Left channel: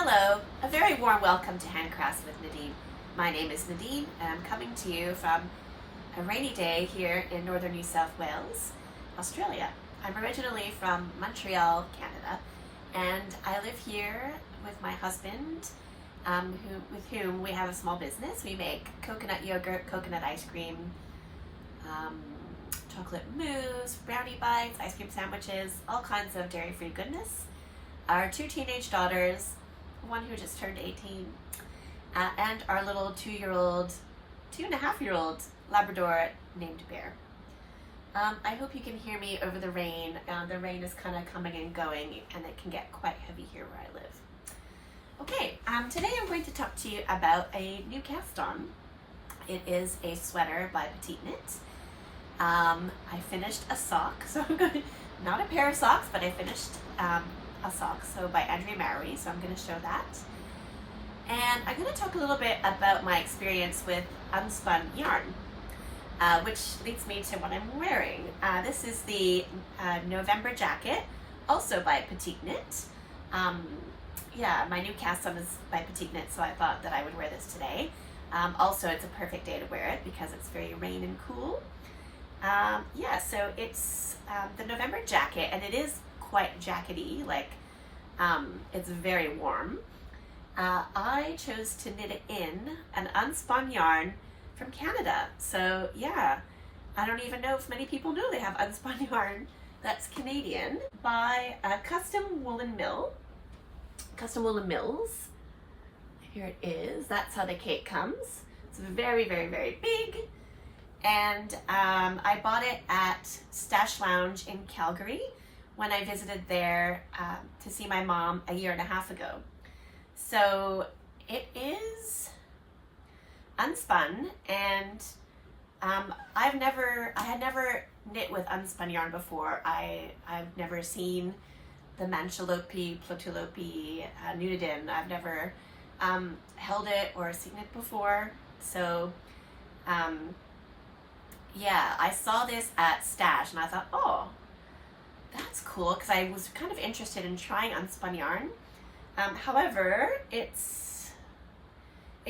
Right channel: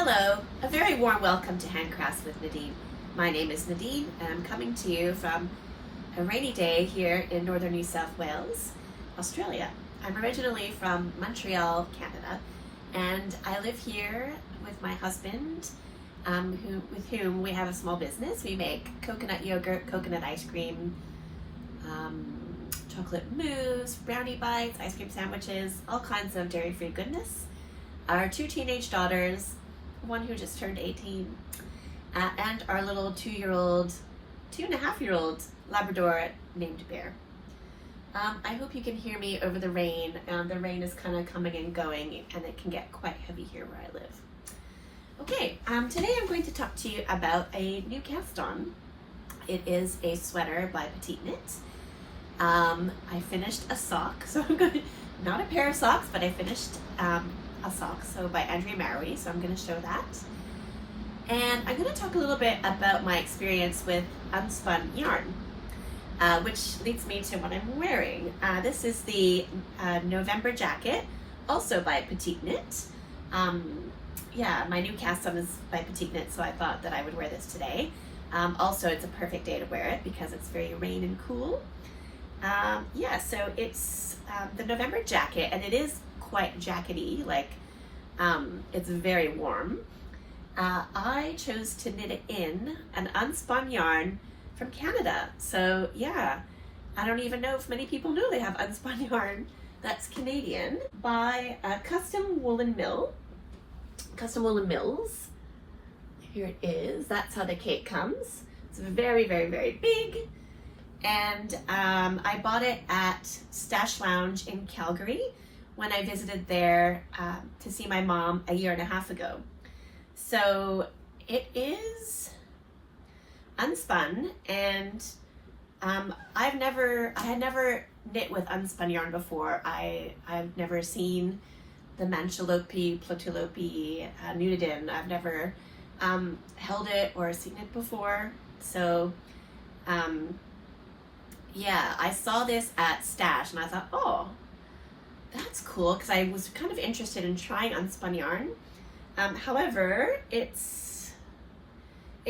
Hello, a very warm welcome to Handcrafts with Nadine. My name is Nadine and I'm coming to you from a rainy day here in northern New South Wales, Australia. I'm originally from Montreal, Canada, and I live here with my husband, with whom we have a small business. We make coconut yogurt, coconut ice cream, chocolate mousse, brownie bites, ice cream sandwiches, all kinds of dairy-free goodness. Our two teenage daughters, one who just turned 18, and our little 2.5-year-old Labrador named Bear. I hope you can hear me over the rain. The rain is kind of coming and going, and it can get quite heavy here where I live. Okay, today I'm going to talk to you about a new cast on. It is a sweater by Petite. I finished a sock, so I'm going to, not a pair of socks, but I finished a sock, so by Andrea Mowry, so I'm going to show that. And I'm going to talk a little bit about my experience with unspun yarn, which leads me to what I'm wearing. This is the November jacket, also by Petite. Yeah, my new cast on is by Petite, so I thought that I would wear this today. Also, it's a perfect day to wear it because it's very rain and cool. Yeah, so it's the November jacket, and it is quite jackety, like it's very warm. I chose to knit it in an unspun yarn from Canada. So yeah, I don't even know if many people know they have unspun yarn that's Canadian by Custom Woolen Mills. Here it is. That's how the cake comes. It's very, very, very big. And I bought it at Stash Lounge in Calgary when I visited there to see my mom a year and a half ago. So it is unspun, and I had never knit with unspun yarn before. I've never seen the Manchalope, Plotulope, Nudidin. I've never held it or seen it before. So yeah, I saw this at Stash and I thought, oh, that's cool, because I was kind of interested in trying unspun yarn. However, it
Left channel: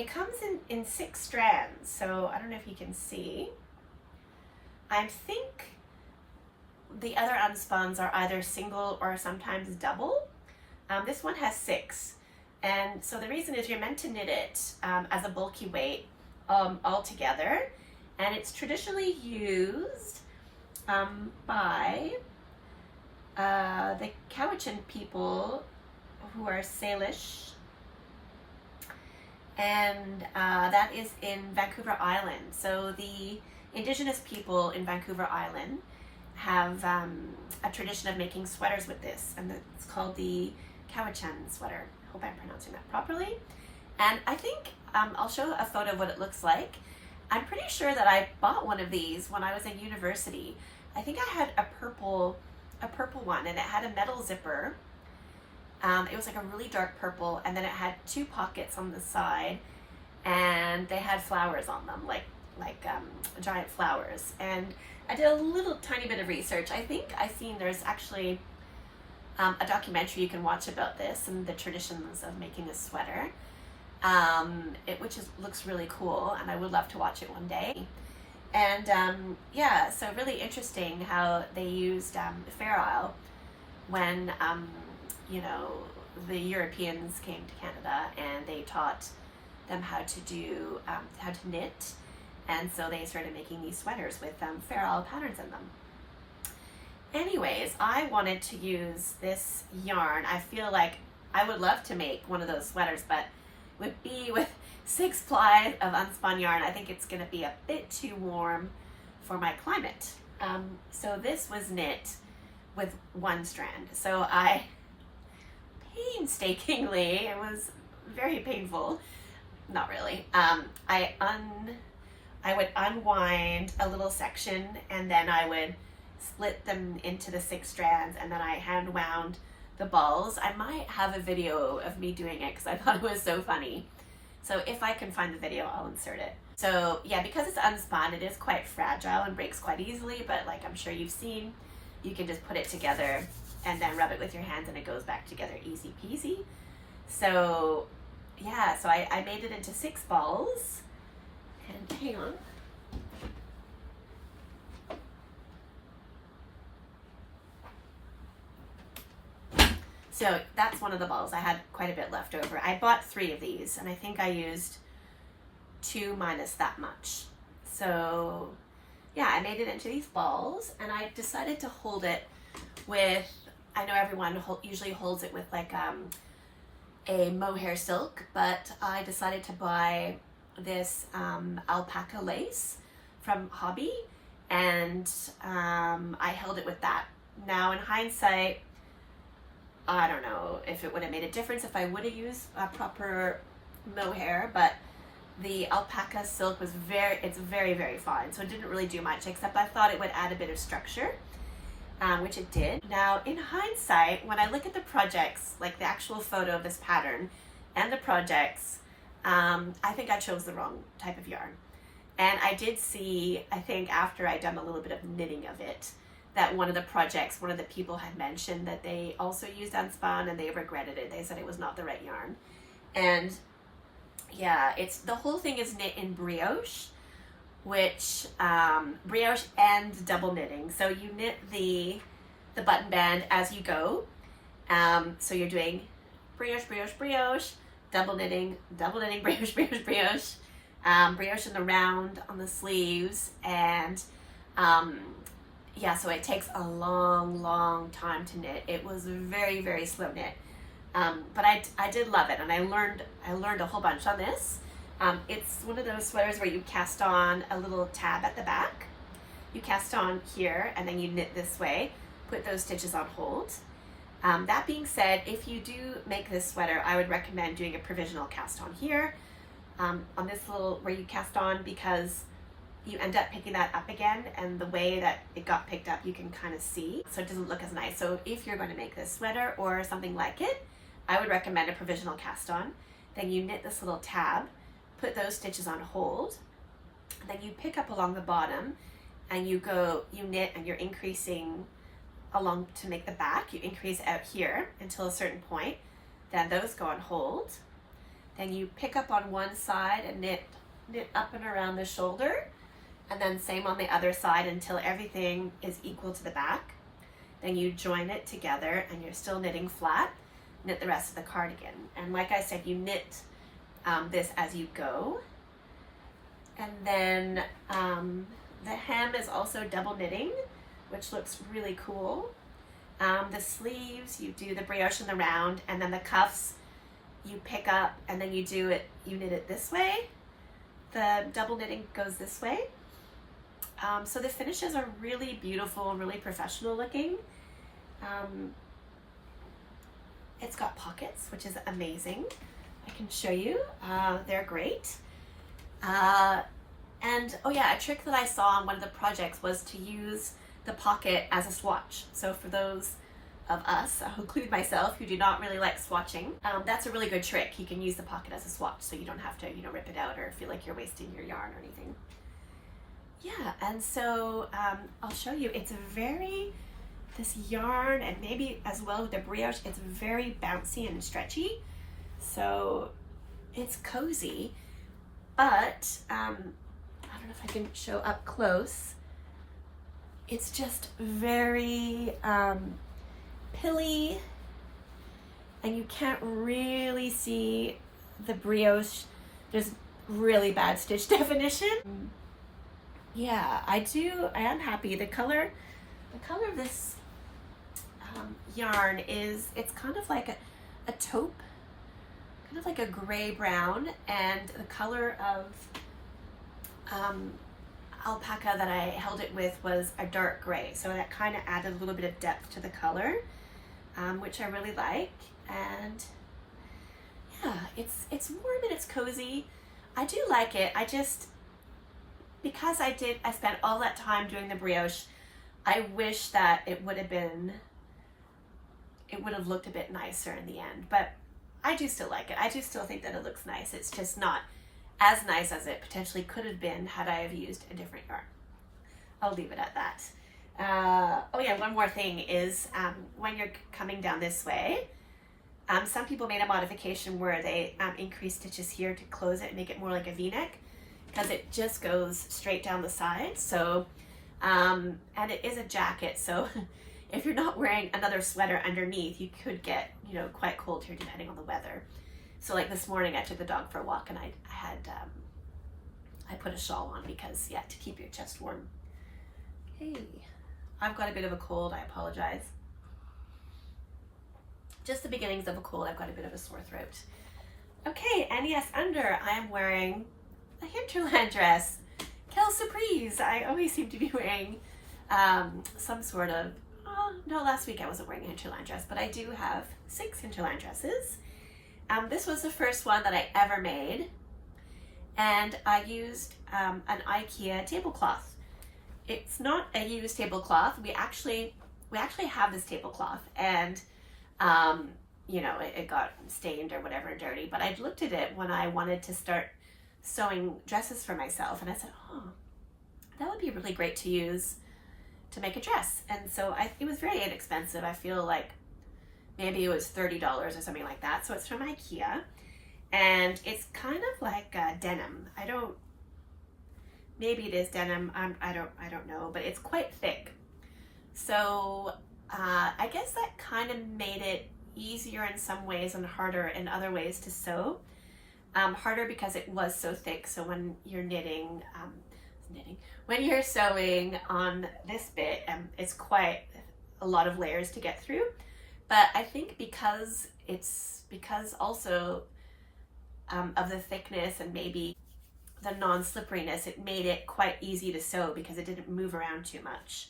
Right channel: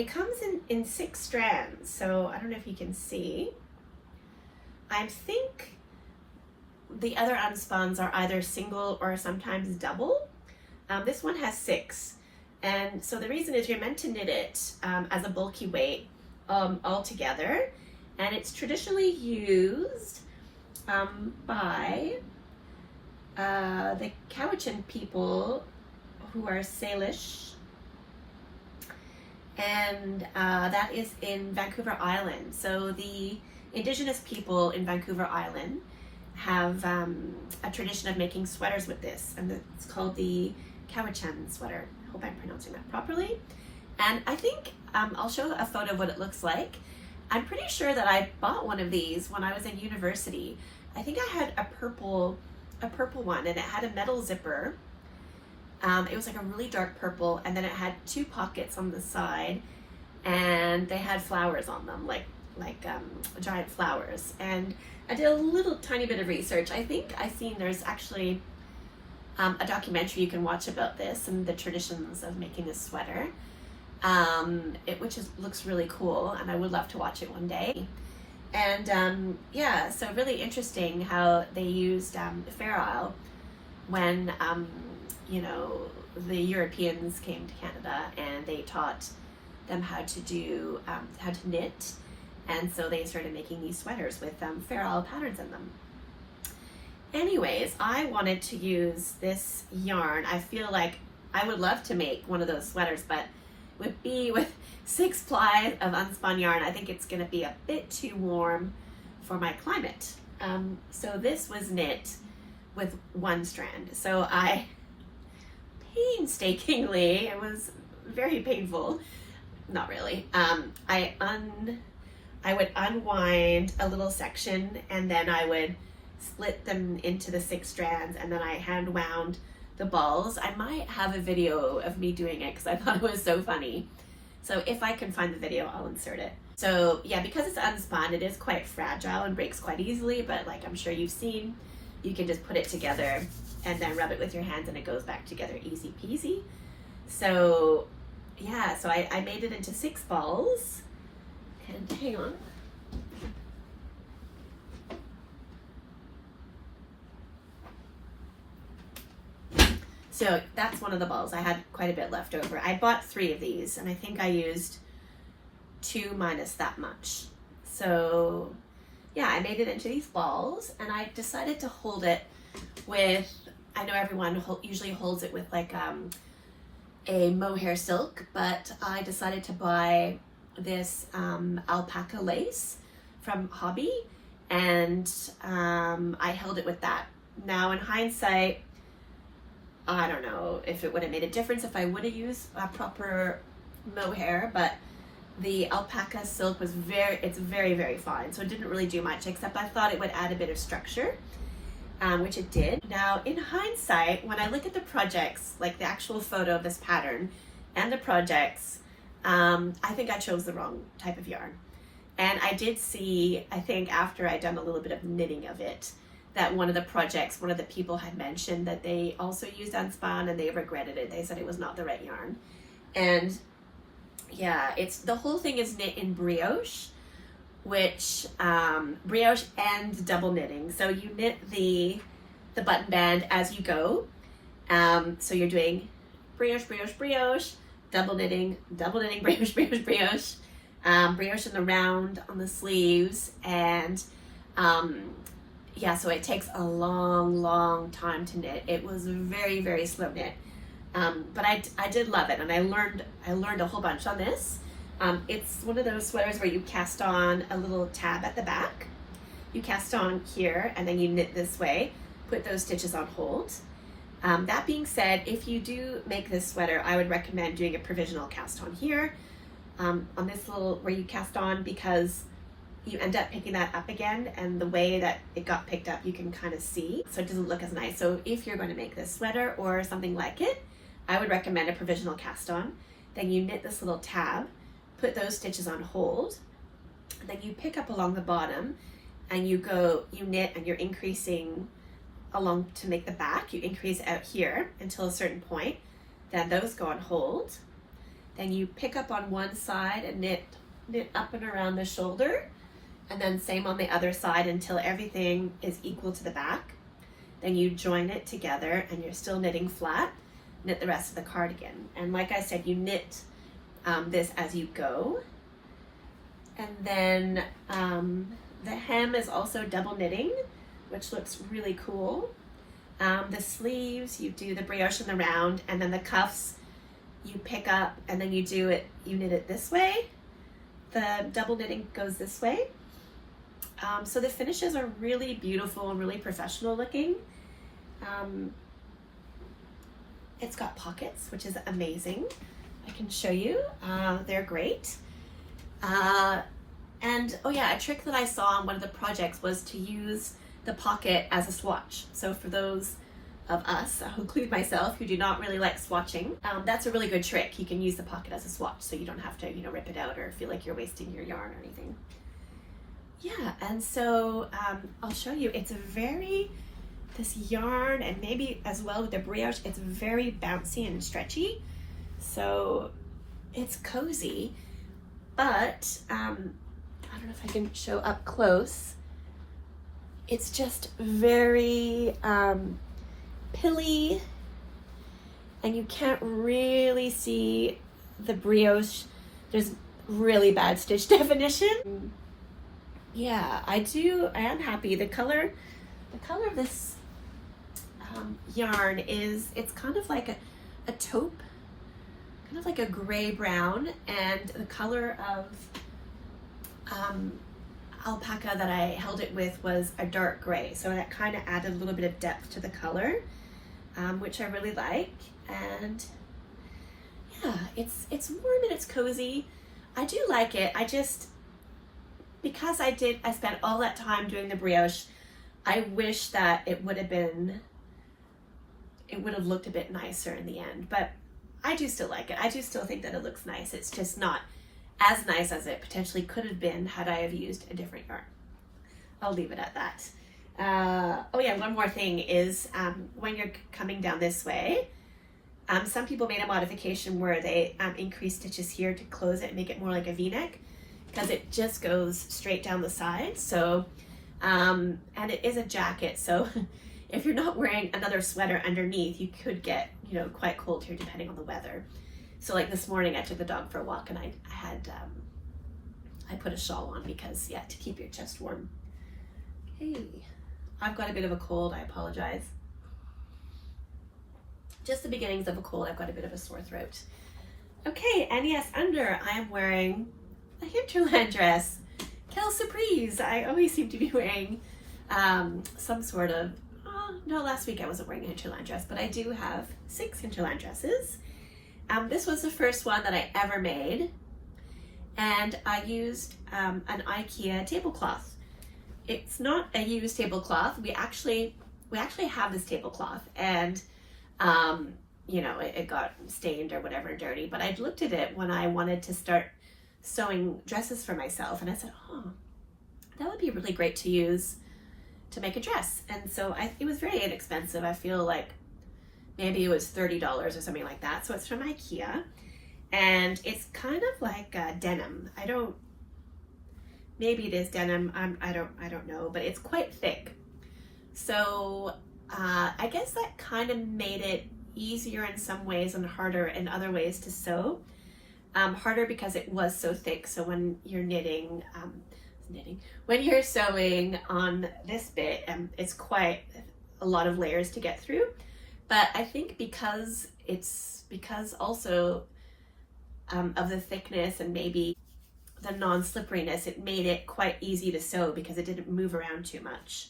comes in 6 strands, so I don't know if you can see. I think the other unspuns are either single or sometimes double. This one has 6, and so the reason is you're meant to knit it as a bulky weight all together, and it's traditionally used by the Cowichan people who are Salish, and that is in Vancouver Island. So the Indigenous people in Vancouver Island have a tradition of making sweaters with this, and it's called the Cowichan sweater. I hope I'm pronouncing that properly. And I think I'll show a photo of what it looks like. I'm pretty sure that I bought one of these when I was in university. I think I had a purple one, and it had a metal zipper. It was like a really dark purple, and then it had 2 pockets on the side, and they had flowers on them, like giant flowers. And I did a little tiny bit of research. I think I've seen there's actually a documentary you can watch about this and the traditions of making this sweater, which looks really cool, and I would love to watch it one day. And yeah, so really interesting how they used Fair Isle when you know, the Europeans came to Canada, and they taught them how to knit, and so they started making these sweaters with Fair Isle patterns in them. Anyways, I wanted to use this yarn. I feel like I would love to make one of those sweaters, but would be with 6 ply of unspun yarn. I think it's going to be a bit too warm for my climate. So this was knit with 1 strand. So I painstakingly, it was very painful, not really, I would unwind a little section, and then I would split them into the 6 strands, and then I hand wound the balls. I might have a video of me doing it because I thought it was so funny. So if I can find the video, I'll insert it. So yeah, because it's unspun, it is quite fragile and breaks quite easily, but like I'm sure you've seen, you can just put it together and then rub it with your hands and it goes back together easy peasy. So yeah, so I made it into 6 balls, and hang on. So that's one of the balls. I had quite a bit left over. I bought 3 of these, and I think I used 2 minus that much. So yeah, I made it into these balls, and I decided to hold it with, I know everyone usually holds it with like a mohair silk, but I decided to buy this alpaca lace from Hobby, and I held it with that. Now in hindsight, I don't know if it would have made a difference if I would have used a proper mohair, but the alpaca silk was it's very, very fine. So it didn't really do much, except I thought it would add a bit of structure, which it did. Now in hindsight, when I look at the projects, like the actual photo of this pattern and the projects, I think I chose the wrong type of yarn. And I did see, I think after I'd done a little bit of knitting of it, that one of the projects, one of the people had mentioned that they also used unspun and they regretted it. They said it was not the right yarn. And yeah, the whole thing is knit in brioche, which brioche and double knitting. So you knit the button band as you go. So you're doing brioche, brioche, brioche, double knitting, brioche, brioche, brioche, brioche in the round on the sleeves, and yeah, so it takes a long time to knit. It was very, very slow knit, but I did love it, and I learned a whole bunch on this. It's one of those sweaters where you cast on a little tab at the back. You cast on here, and then you knit this way, put those stitches on hold. That being said, if you do make this sweater, I would recommend doing a provisional cast on here, on this little where you cast on, because you end up picking that up again, and the way that it got picked up you can kind of see, so it doesn't look as nice. So if you're going to make this sweater or something like it, I would recommend a provisional cast on. Then you knit this little tab, put those stitches on hold, and then you pick up along the bottom, and you knit, and you're increasing along to make the back. You increase out here until a certain point, then those go on hold. Then you pick up on one side and knit up and around the shoulder, and then same on the other side until everything is equal to the back. Then you join it together, and you're still knitting flat. Knit the rest of the cardigan, and like I said, you knit this as you go. And then the hem is also double knitting, which looks really cool. The sleeves, you do the brioche in the round, and then the cuffs you pick up, and then you knit it this way. The double knitting goes this way. So the finishes are really beautiful and really professional looking. It's got pockets, which is amazing. I can show you. They're great. And oh yeah, a trick that I saw on one of the projects was to use the pocket as a swatch. So for those of us, I'll include myself, who do not really like swatching, that's a really good trick. You can use the pocket as a swatch, so you don't have to, rip it out or feel like you're wasting your yarn or anything. Yeah, and so I'll show you. It's this yarn, and maybe as well with the brioche, it's very bouncy and stretchy, so it's cozy. But I don't know if I can show up close. It's just very pilly, and you can't really see the brioche. There's really bad stitch definition. Yeah, I am happy. The color of this yarn it's kind of like a taupe, kind of like a gray brown, and the color of alpaca that I held it with was a dark gray, so that kind of added a little bit of depth to the color, which I really like. And yeah, it's warm and it's cozy. I do like it. Because I spent all that time doing the brioche, I wish that it would have looked a bit nicer in the end, but I do still like it. I do still think that it looks nice. It's just not as nice as it potentially could have been had I have used a different yarn. I'll leave it at that. Oh yeah, one more thing is when you're coming down this way, Some people made a modification where they increased stitches here to close it and make it more like a v-neck, because it just goes straight down the side. So, and it is a jacket, so if you're not wearing another sweater underneath, you could get, you know, quite cold here depending on the weather. So like this morning I took the dog for a walk and I put a shawl on because, yeah, to keep your chest warm. Hey, I've got a bit of a cold, I apologize. Just the beginnings of a cold. I've got a bit of a sore throat. Okay, and yes, under I am wearing a Hinterland dress. Quelle surprise! I always seem to be wearing some sort of, no, last week I wasn't wearing a Hinterland dress, but I do have 6 Hinterland dresses. This was the first one that I ever made, and I used an IKEA tablecloth. It's not a used tablecloth. We actually have this tablecloth, and you know, it got stained or whatever, dirty, but I looked at it when I wanted to start sewing dresses for myself, and I said, oh, that would be really great to use to make a dress. And so it was very inexpensive. I feel like maybe it was $30 or something like that. So it's from IKEA, and it's kind of like denim. Maybe it is denim. I don't know, but it's quite thick. So I guess that kind of made it easier in some ways and harder in other ways to sew. Harder because it was so thick. So when you're when you're sewing on this bit, it's quite a lot of layers to get through. But I think because also of the thickness and maybe the non-slipperiness, it made it quite easy to sew because it didn't move around too much.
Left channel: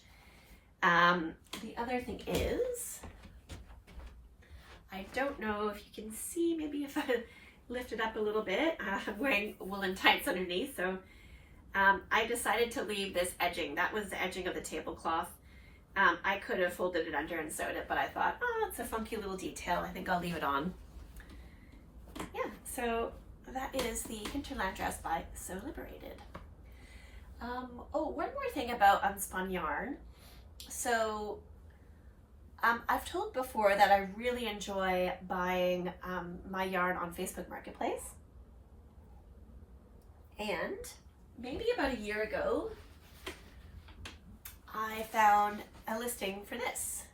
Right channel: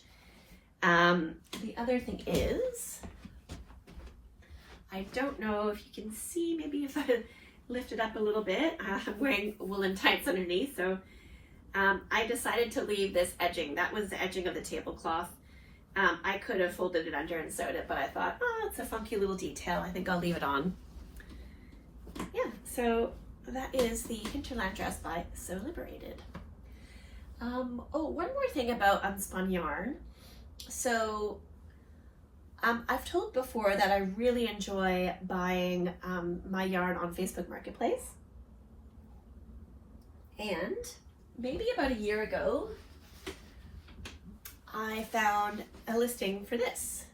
The other thing is, I don't know if you can see, maybe if I lift it up a little bit, I'm wearing woolen tights underneath, so I decided to leave this edging. That was the edging of the tablecloth. I could have folded it under and sewed it, but I thought, oh, it's a funky little detail. I think I'll leave it on. Yeah, so that is the Hinterland dress by Sew Liberated. Oh, one more thing about unspun yarn. So I've told before that I really enjoy buying my yarn on Facebook Marketplace. And maybe about a year ago, I found a listing for this.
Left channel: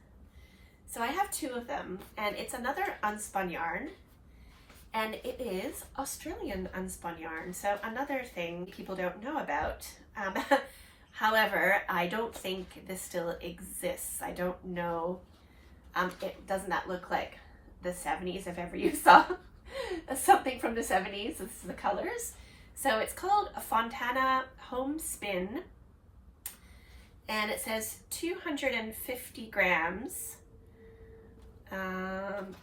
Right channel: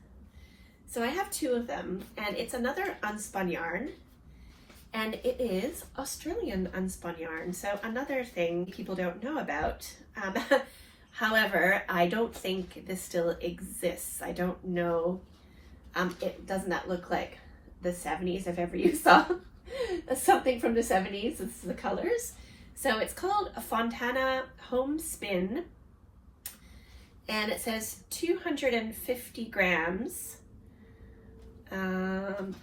So I have 2 of them, and it's another unspun yarn, and it is Australian unspun yarn. So another thing people don't know about. However, I don't think this still exists. I don't know. Doesn't that look like the 70s if ever you saw something from the 70s? This is the colors. So it's called a Fontana Homespin, and it says 250 grams. I'm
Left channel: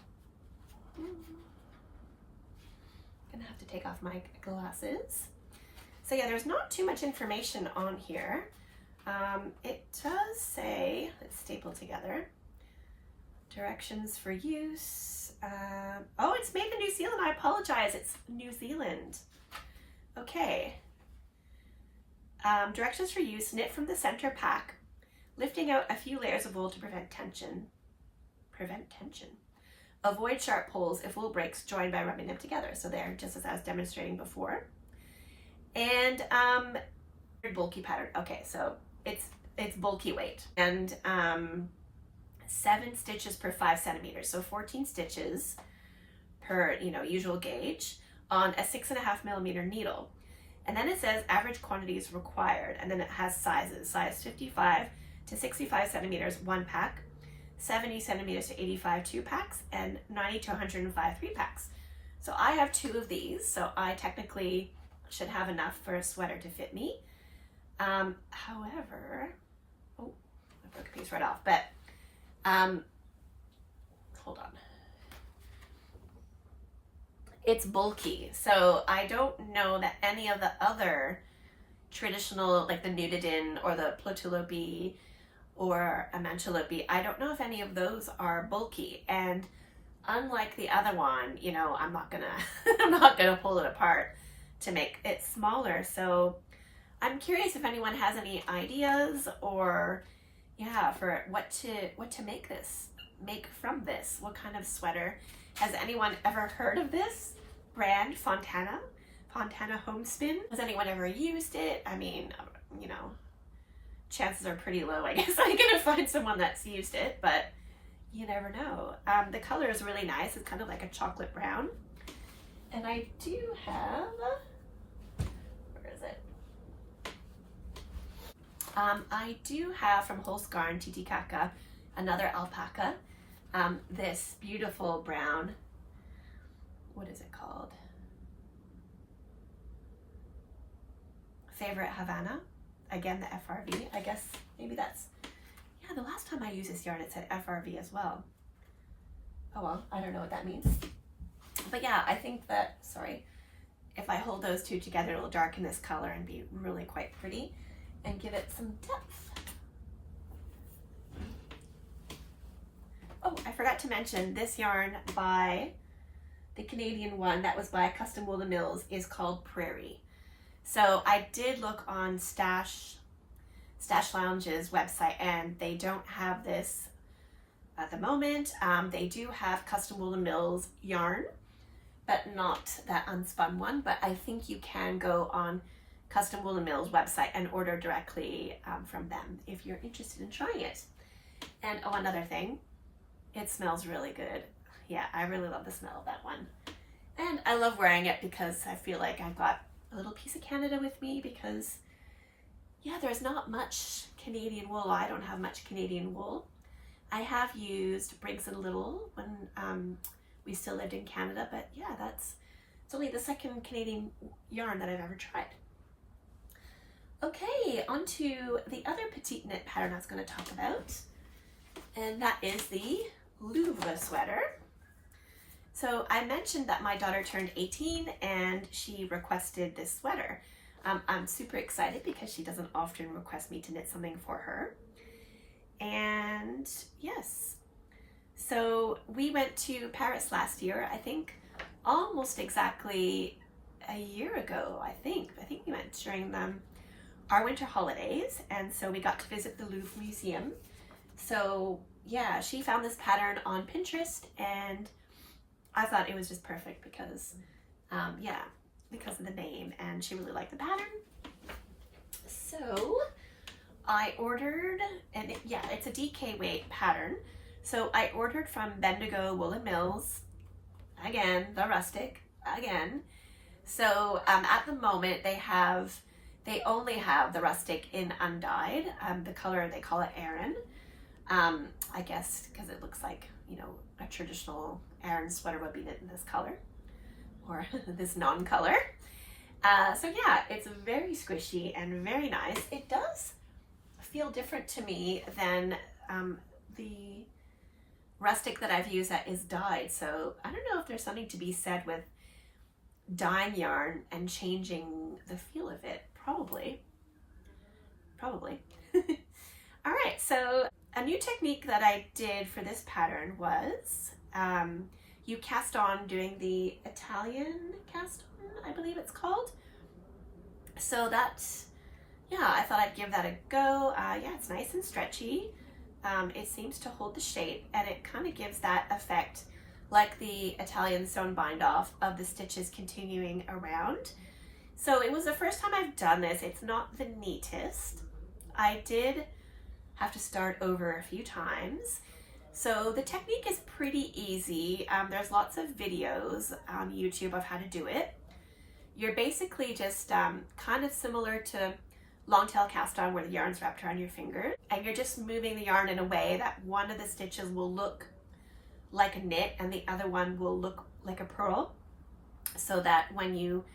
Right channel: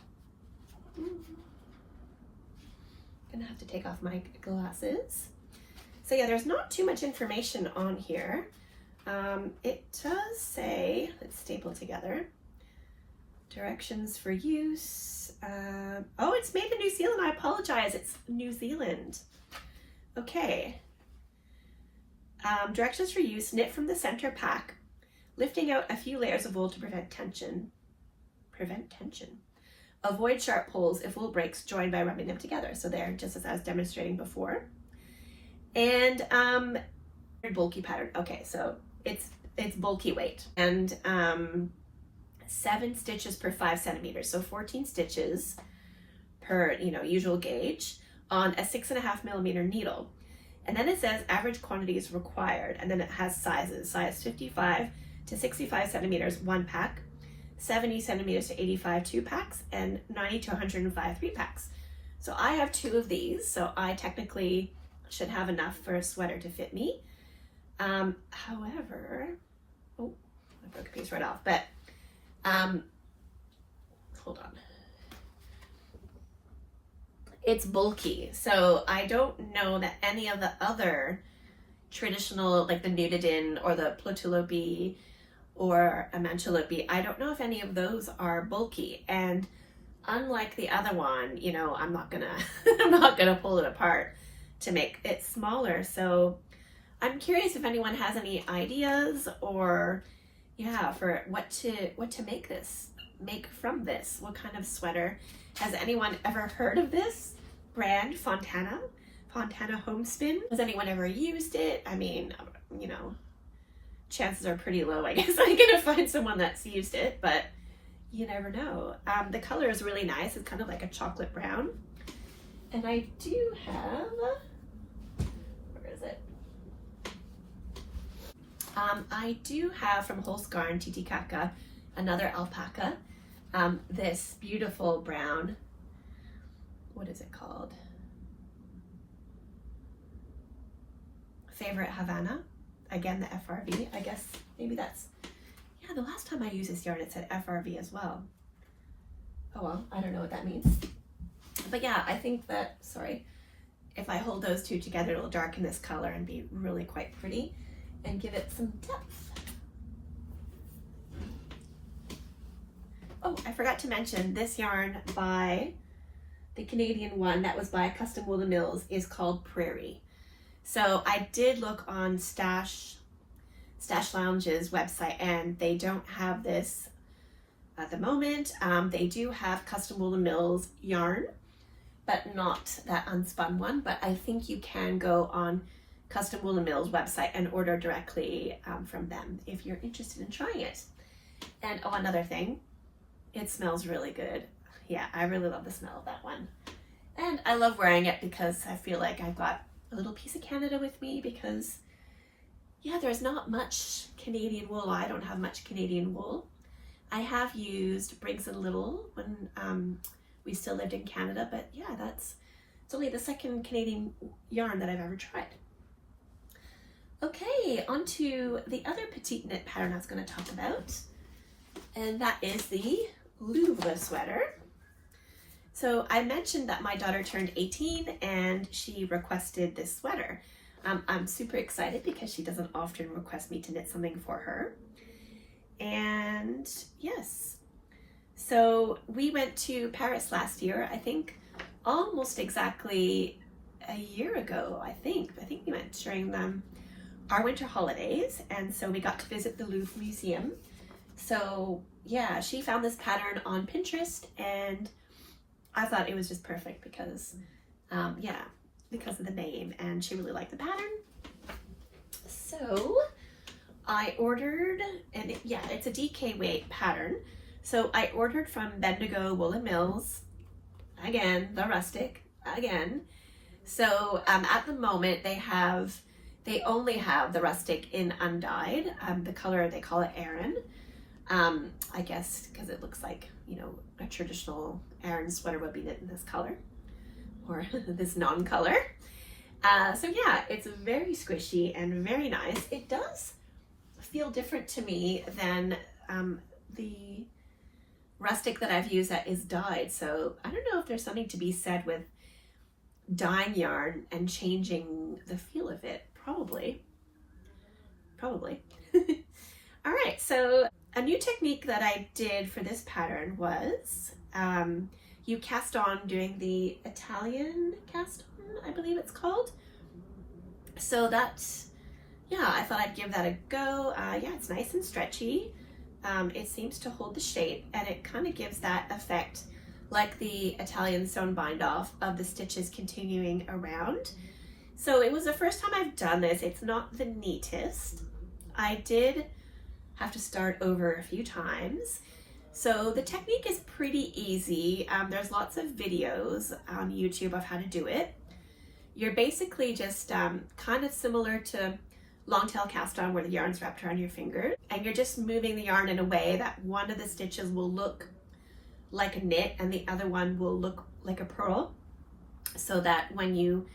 gonna have to take off my glasses. So yeah, there's not too much information on here. It does say, it's stapled together, directions for use. Oh, it's made in New Zealand. I apologize. It's New Zealand. Okay. Directions for use: knit from the center pack, lifting out a few layers of wool to prevent tension. Avoid sharp pulls if wool breaks, join by rubbing them together. So there, just as I was demonstrating before. And bulky pattern. Okay, so it's bulky weight, and 7 stitches per 5 centimeters. So 14 stitches per, usual gauge on a 6.5 millimeter needle. And then it says average quantities required, and then it has sizes: size 55 to 65 centimeters 1 pack, 70 centimeters to 85 2 packs, and 90 to 105 3 packs. So I have 2 of these, so I technically should have enough for a sweater to fit me. However, oh, I broke a piece right off, but hold on. It's bulky, so I don't know that any of the other traditional, like the Nudidin or the Plotulopi or a Manchalopi, I don't know if any of those are bulky. And unlike the other one, I'm not gonna pull it apart to make it smaller. So I'm curious if anyone has any ideas, or yeah, for what to make this make from this? What kind of sweater? Has anyone ever heard of this brand, Fontana Homespin? Has anyone ever used it? I mean, you know, chances are pretty low, I guess I'm gonna find someone that's used it, but you never know. The color is really nice. It's kind of like a chocolate brown. And I do have, where is it? I do have from Holsgarn Titicaca, another alpaca, this beautiful brown, what is it called? Favorite Havana. Again, the FRV. I guess maybe that's, yeah, the last time I used this yarn it said FRV as well. Oh well, I don't know what that means. But yeah, I think that, sorry, if I hold those two together, it'll darken this color and be really quite pretty and give it some depth. Oh, I forgot to mention this yarn by the Canadian one that was by Custom Wool & Mills is called Prairie. So I did look on Stash Lounge's website and they don't have this at the moment. They do have Custom Wool & Mills yarn, but not that unspun one. But I think you can go on Custom Wool & Mills website and order directly from them if you're interested in trying it. And oh, another thing, it smells really good. Yeah, I really love the smell of that one. And I love wearing it because I feel like I've got a little piece of Canada with me because, yeah, there's not much Canadian wool. I don't have much Canadian wool. I have used Briggs & Little when we still lived in Canada, but yeah, it's only the second Canadian yarn that I've ever tried. Okay, on to the other petite knit pattern I was going to talk about, and that is the Louvre sweater. So I mentioned that my daughter turned 18 and she requested this sweater. I'm super excited because she doesn't often request me to knit something for her. And yes, so we went to Paris last year, I think almost exactly a year ago, I think we went during our winter holidays, and so we got to visit the Louvre Museum. So yeah, she found this pattern on Pinterest and I thought it was just perfect because, yeah, because of the name, and she really liked the pattern. So I ordered, and yeah, it's a DK weight pattern. So I ordered from Bendigo Wool & Mills, again, the rustic, again. So at the moment they only have the rustic in undyed. The color, they call it Aran. I guess because it looks like, you know, a traditional Aran sweater would be knit in this color or this non-color. So yeah, it's very squishy and very nice. It does feel different to me than the rustic that I've used that is dyed. So I don't know if there's something to be said with dyeing yarn and changing the feel of it. Probably. All right, so a new technique that I did for this pattern was you cast on doing the Italian cast on, I believe it's called. So that's, yeah, I thought I'd give that a go. Yeah, it's nice and stretchy. It seems to hold the shape and it kind of gives that effect like the Italian sewn bind off of the stitches continuing around. So it was the first time I've done this. It's not the neatest. I did have to start over a few times. So the technique is pretty easy. There's lots of videos on YouTube of how to do it. You're basically just kind of similar to long tail cast on where the yarn's wrapped around your finger, and you're just moving the yarn in a way that one of the stitches will look like a knit and the other one will look like a purl, so that when you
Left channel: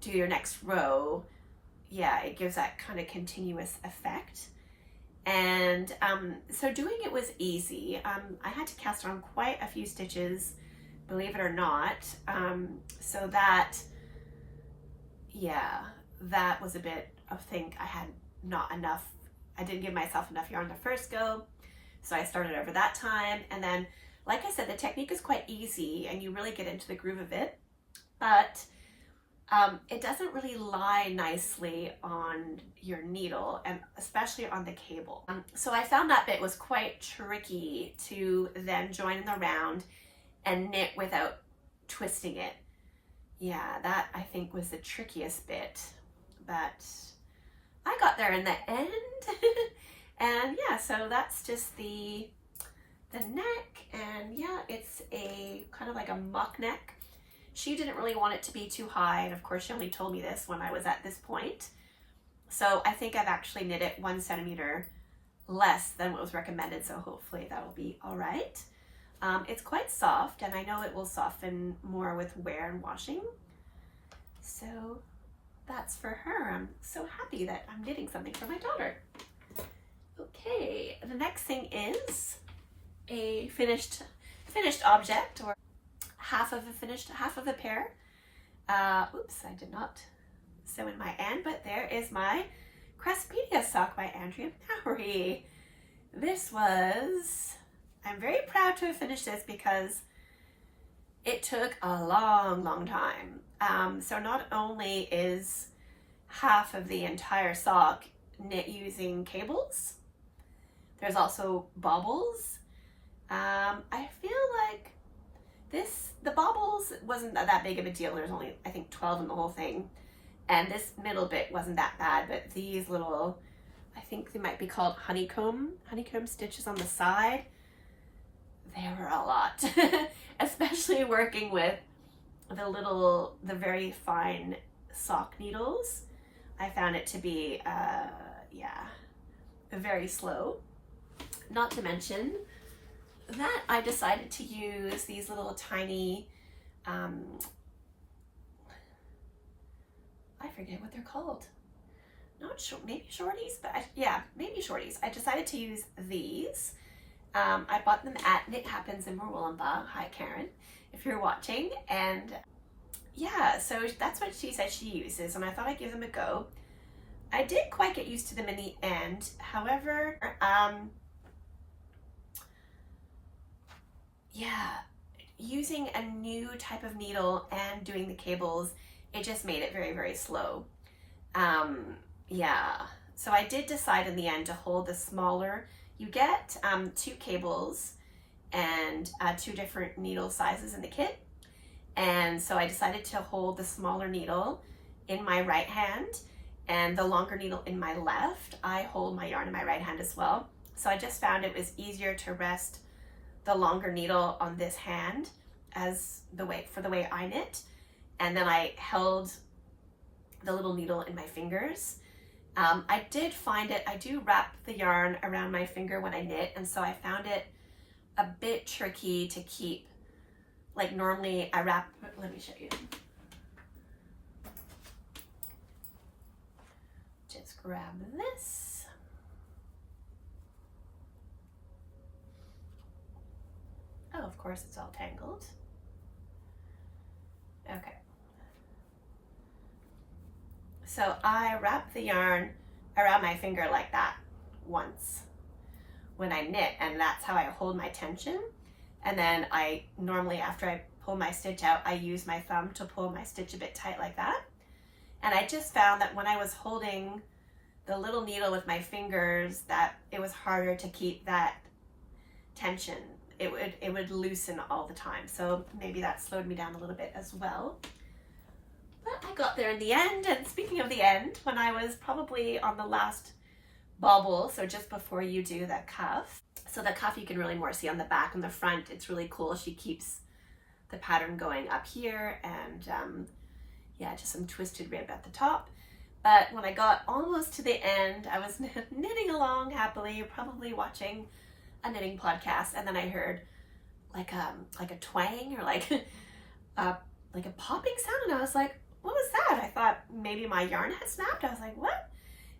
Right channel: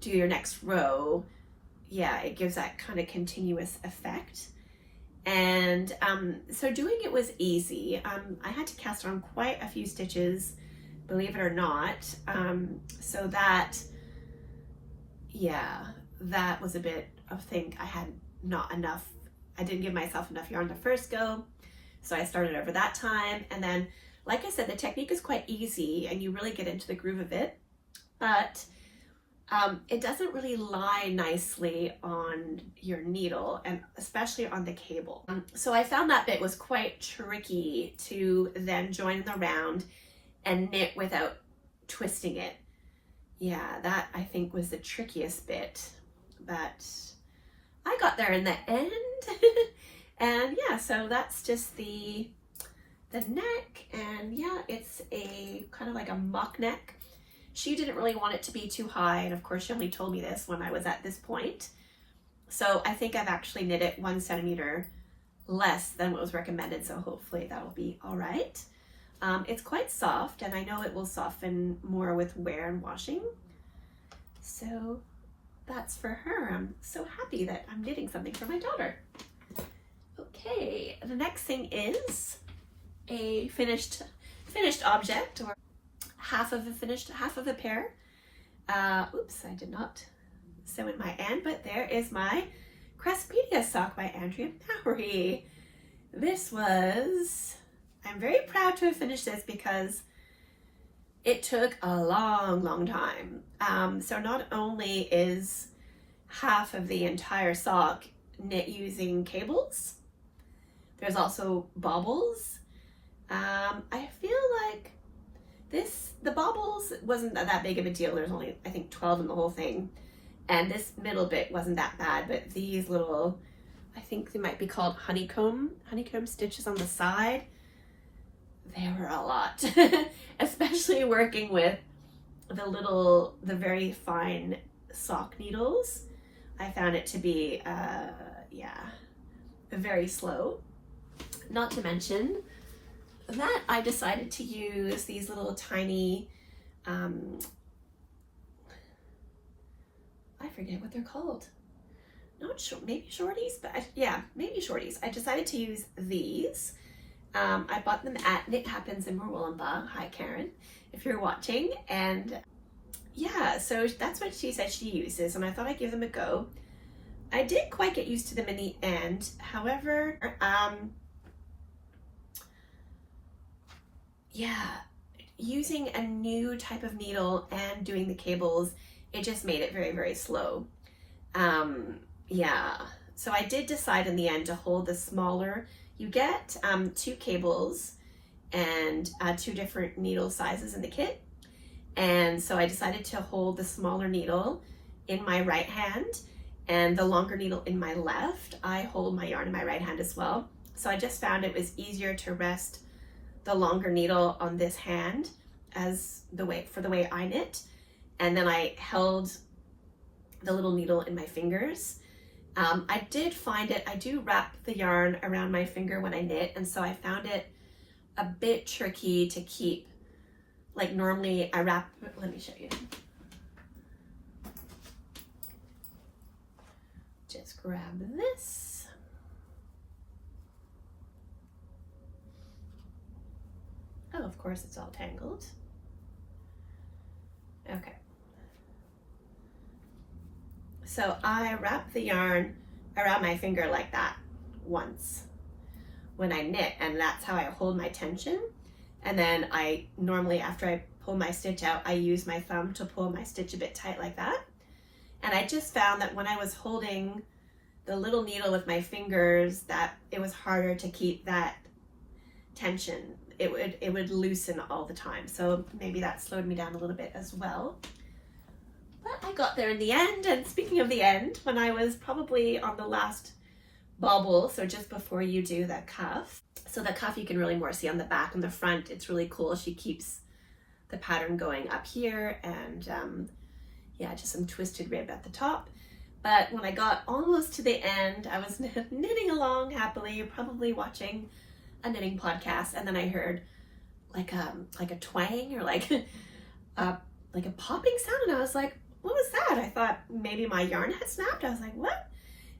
do your next row, yeah, it gives that kind of continuous effect. And so doing it was easy. I had to cast on quite a few stitches, believe it or not. So that, yeah, that was a bit of thing. I had not enough, I didn't give myself enough yarn the first go. So I started over that time. And then, like I said, the technique is quite easy and you really get into the groove of it. But it doesn't really lie nicely on your needle, and especially on the cable. So I found that bit was quite tricky to then join in the round and knit without twisting it. Yeah, that I think was the trickiest bit, but I got there in the end. And yeah, so that's just the neck, and yeah, it's a kind of like a mock neck. She didn't really want it to be too high, and of course she only told me this when I was at this point. So I think I've actually knit it 1 centimeter less than what was recommended, so hopefully that'll be all right. It's quite soft, and I know it will soften more with wear and washing. So that's for her. I'm so happy that I'm knitting something for my daughter. Okay, the next thing is a finished object, or half of a pair. Oops, I did not sew in my end, but there is my Craspedia sock by Andrea Mowry. I'm very proud to have finished this because it took a long time. So not only is half of the entire sock knit using cables, there's also bobbles. I feel like the bobbles wasn't that big of a deal. There's only, I think, 12 in the whole thing. And this middle bit wasn't that bad, but these little, I think they might be called honeycomb stitches on the side, they were a lot. Especially working with the very fine sock needles. I found it to be, very slow. Not to mention that I decided to use these little tiny, I forget what they're called. Not sure, maybe shorties, but maybe shorties. I decided to use these. I bought them at Knit Happens in Moorwoollumba. Hi, Karen, if you're watching. And yeah, so that's what she said she uses, and I thought I'd give them a go. I did quite get used to them in the end. However, using a new type of needle and doing the cables, it just made it very slow. So I did decide in the end to hold the smaller. You get 2 cables and 2 different needle sizes in the kit. And so I decided to hold the smaller needle in my right hand and the longer needle in my left. I hold my yarn in my right hand as well. So I just found it was easier to rest the longer needle on this hand for the way I knit. And then I held the little needle in my fingers. I did find it, I do wrap the yarn around my finger when I knit, and so I found it a bit tricky to keep. Like normally I wrap, let me show you. Just grab this. Oh, of course it's all tangled. Okay. So I wrap the yarn around my finger like that once when I knit, and that's how I hold my tension. And then I normally, after I pull my stitch out, I use my thumb to pull my stitch a bit tight like that. And I just found that when I was holding the little needle with my fingers, that it was harder to keep that tension. It would loosen all the time. So maybe that slowed me down a little bit as well. But I got there in the end. And speaking of the end, when I was probably on the last bobble, so just before you do the cuff. So the cuff you can really more see on the back. On the front, it's really cool. She keeps the pattern going up here, and just some twisted rib at the top. But when I got almost to the end, I was knitting along happily, probably watching a knitting podcast, and then I heard like a twang or like a popping sound, and I was like, what was that? I thought maybe my yarn had snapped. I was like, what?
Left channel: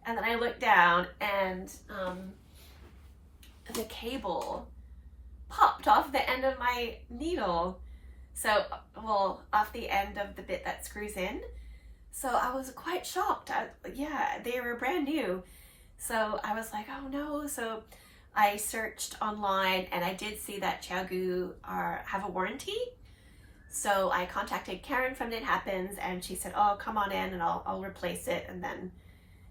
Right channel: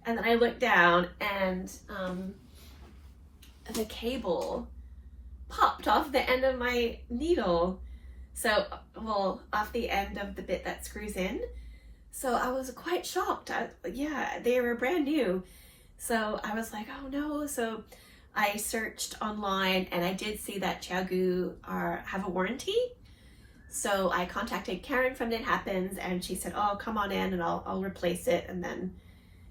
And then I looked down, and the cable popped off the end of my needle. So, well, off the end of the bit that screws in. So I was quite shocked. They were brand new. So I was like, oh no. So I searched online, and I did see that ChiaoGoo have a warranty. So I contacted Karen from Knit Happens, and she said, oh, come on in and I'll replace it. And then,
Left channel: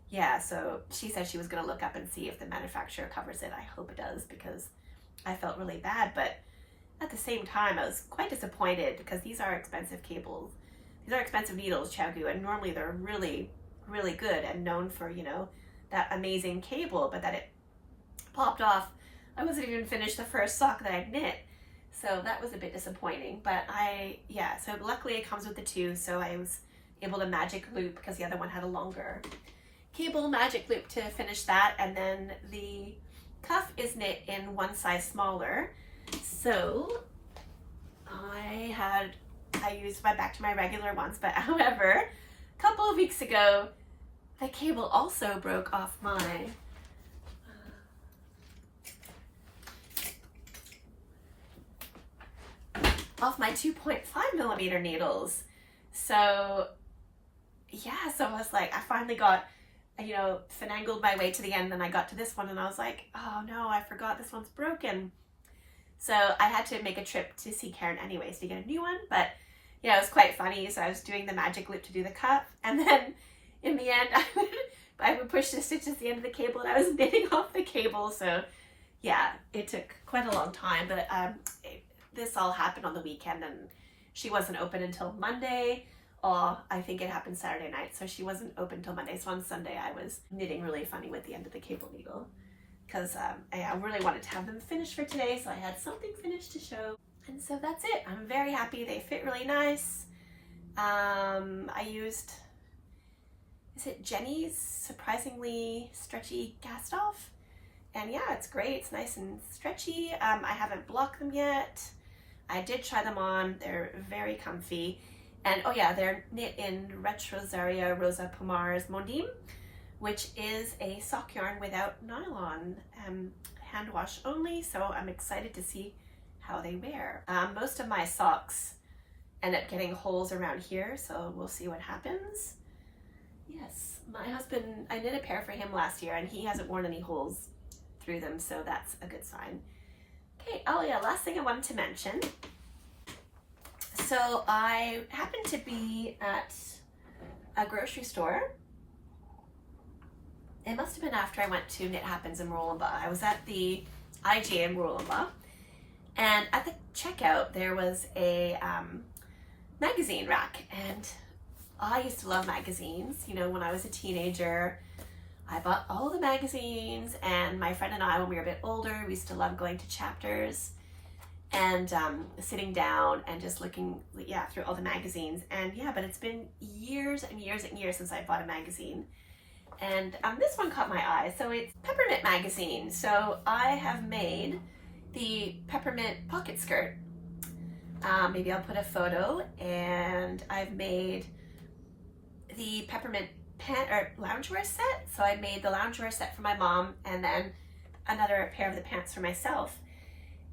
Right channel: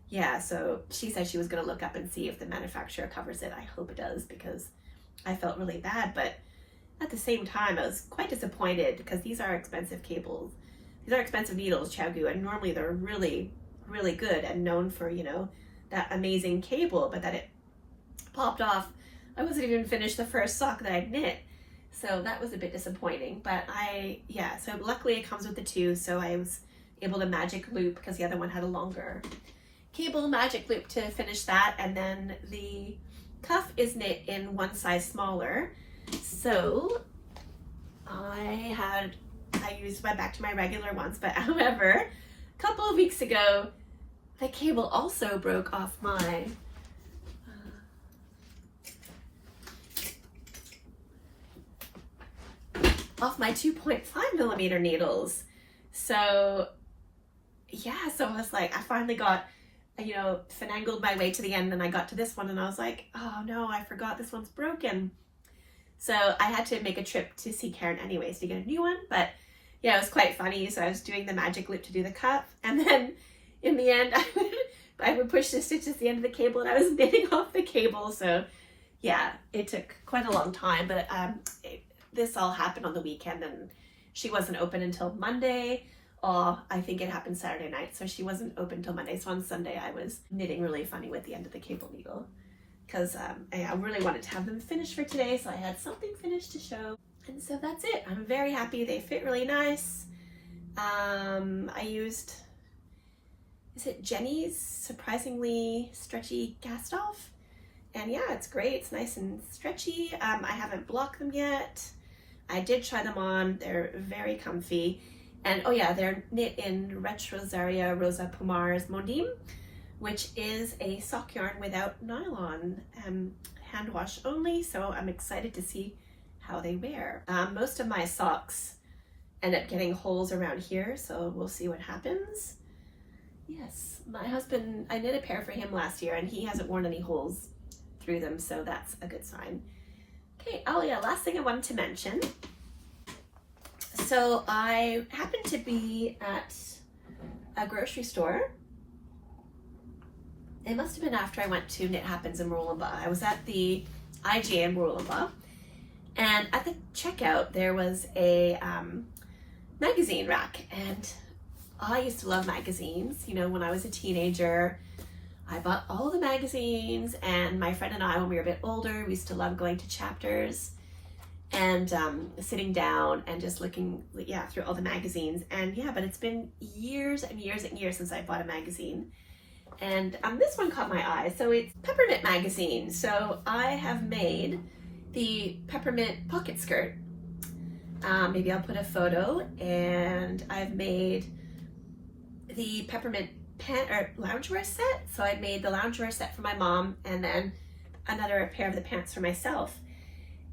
yeah, so she said she was going to look up and see if the manufacturer covers it. I hope it does, because I felt really bad. But at the same time, I was quite disappointed, because these are expensive cables. These are expensive needles, Xiaogu, and normally they're really, really good and known for, you know, that amazing cable, but that it popped off. I wasn't even finished the first sock that I'd knit. So that was a bit disappointing, but so luckily it comes with the two, so I was able to magic loop, because the other one had a longer cable, magic loop to finish that. And then the cuff is knit in one size smaller. So I used back to my regular ones, but however, a couple of weeks ago, the cable also broke off my off my 2.5mm needles. So yeah, so I was like, I finally got, you know, finagled my way to the end, and I got to this one and I was like, oh no, I forgot this one's broken. So I had to make a trip to see Karen anyways to get a new one. But yeah, it was quite funny. So I was doing the magic loop to do the cuff, and then in the end I would push the stitch at the end of the cable, and I was knitting off the cable. So yeah, it took quite a long time, but this all happened on the weekend, and she wasn't open until Monday. I think it happened Saturday night, so she wasn't open until Monday. So on Sunday I was knitting really funny with the end of the cable needle, because I really wanted to have them finished for today, so I had something finished to show. And so that's it. I'm very happy. They fit really nice. I used, is it Jenny's surprisingly stretchy cast off? And yeah, it's great. It's nice and stretchy. I haven't blocked them yet. I did try them on. They're very comfy. And oh yeah, they're knit in Retrosaria Rosa Pomar's Mondim, which is a sock yarn without nylon, hand wash only. So I'm excited to see how they wear. Most of my socks end up getting holes around here, so we'll see what happens. Yes, my husband, I knit a pair for him last year, and he hasn't worn any holes through them, so that's a good sign. Okay, oh yeah, last thing I wanted to mention. So I happened to be at a grocery store. It must have been after I went to Knit Happens in Mooroolamba. I was at the IGA in Mooroolamba, and at the checkout there was a magazine rack, and I used to love magazines. You know, when I was a teenager, I bought all the magazines, and my friend and I, when we were a bit older, we used to love going to Chapters and sitting down and just looking, yeah, through all the magazines. And yeah, but it's been years and years and years since I bought a magazine. And this one caught my eye. So it's Peppermint magazine. So I have made the Peppermint pocket skirt. Maybe I'll put a photo. And I've made the Peppermint loungewear set. So I made the loungewear set for my mom, and then another pair of the pants for myself.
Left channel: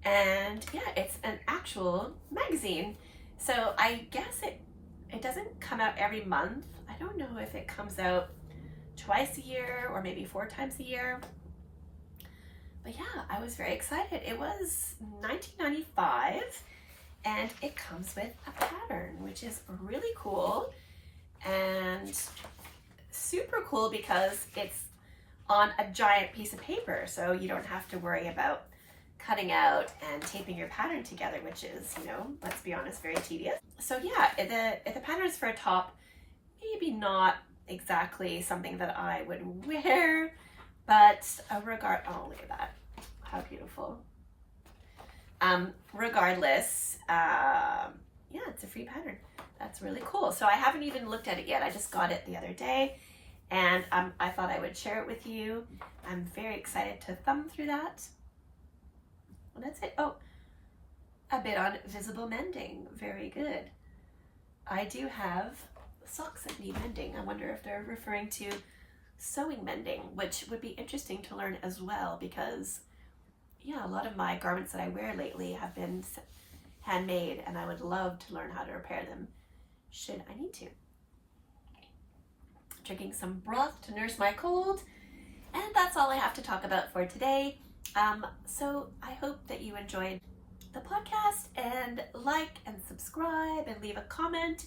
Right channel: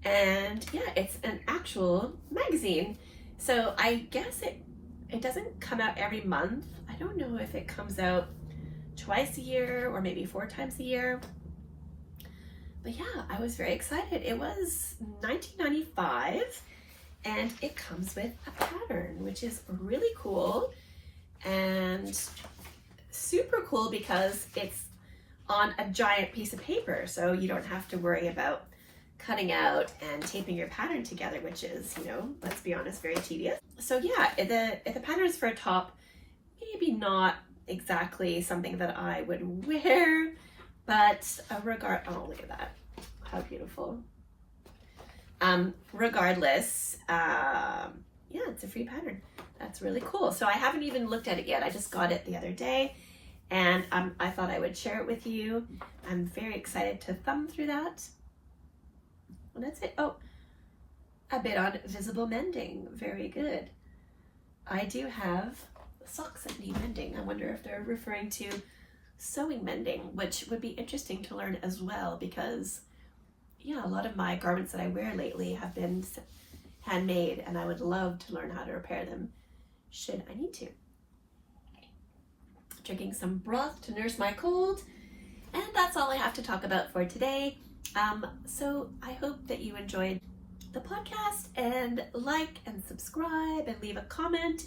And yeah, it's an actual magazine. So I guess it doesn't come out every month. I don't know if it comes out twice a year or maybe 4 times a year. But yeah, I was very excited. It was $19.95, and it comes with a pattern, which is really cool and super cool because it's on a giant piece of paper, so you don't have to worry about cutting out and taping your pattern together, which is, you know, let's be honest, very tedious. So yeah, if the pattern is for a top, maybe not exactly something that I would wear, but oh, look at that, how beautiful. Regardless, yeah, it's a free pattern. That's really cool. So I haven't even looked at it yet. I just got it the other day, and I thought I would share it with you. I'm very excited to thumb through that. And that's it. Oh, a bit on visible mending. Very good. I do have socks that need mending. I wonder if they're referring to sewing mending, which would be interesting to learn as well, because yeah, a lot of my garments that I wear lately have been handmade, and I would love to learn how to repair them should I need to. Drinking some broth to nurse my cold, and that's all I have to talk about for today. So I hope that you enjoyed the podcast and like and subscribe and leave a comment.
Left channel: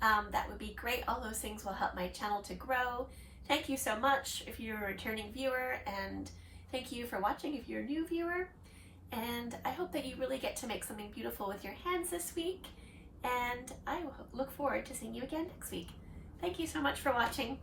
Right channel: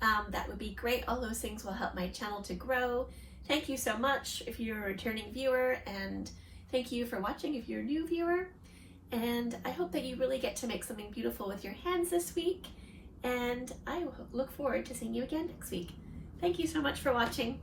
That would be great. All those things will help my channel to grow. Thank you so much if you're a returning viewer, and thank you for watching if you're a new viewer. And I hope that you really get to make something beautiful with your hands this week. And I look forward to seeing you again next week. Thank you so much for watching.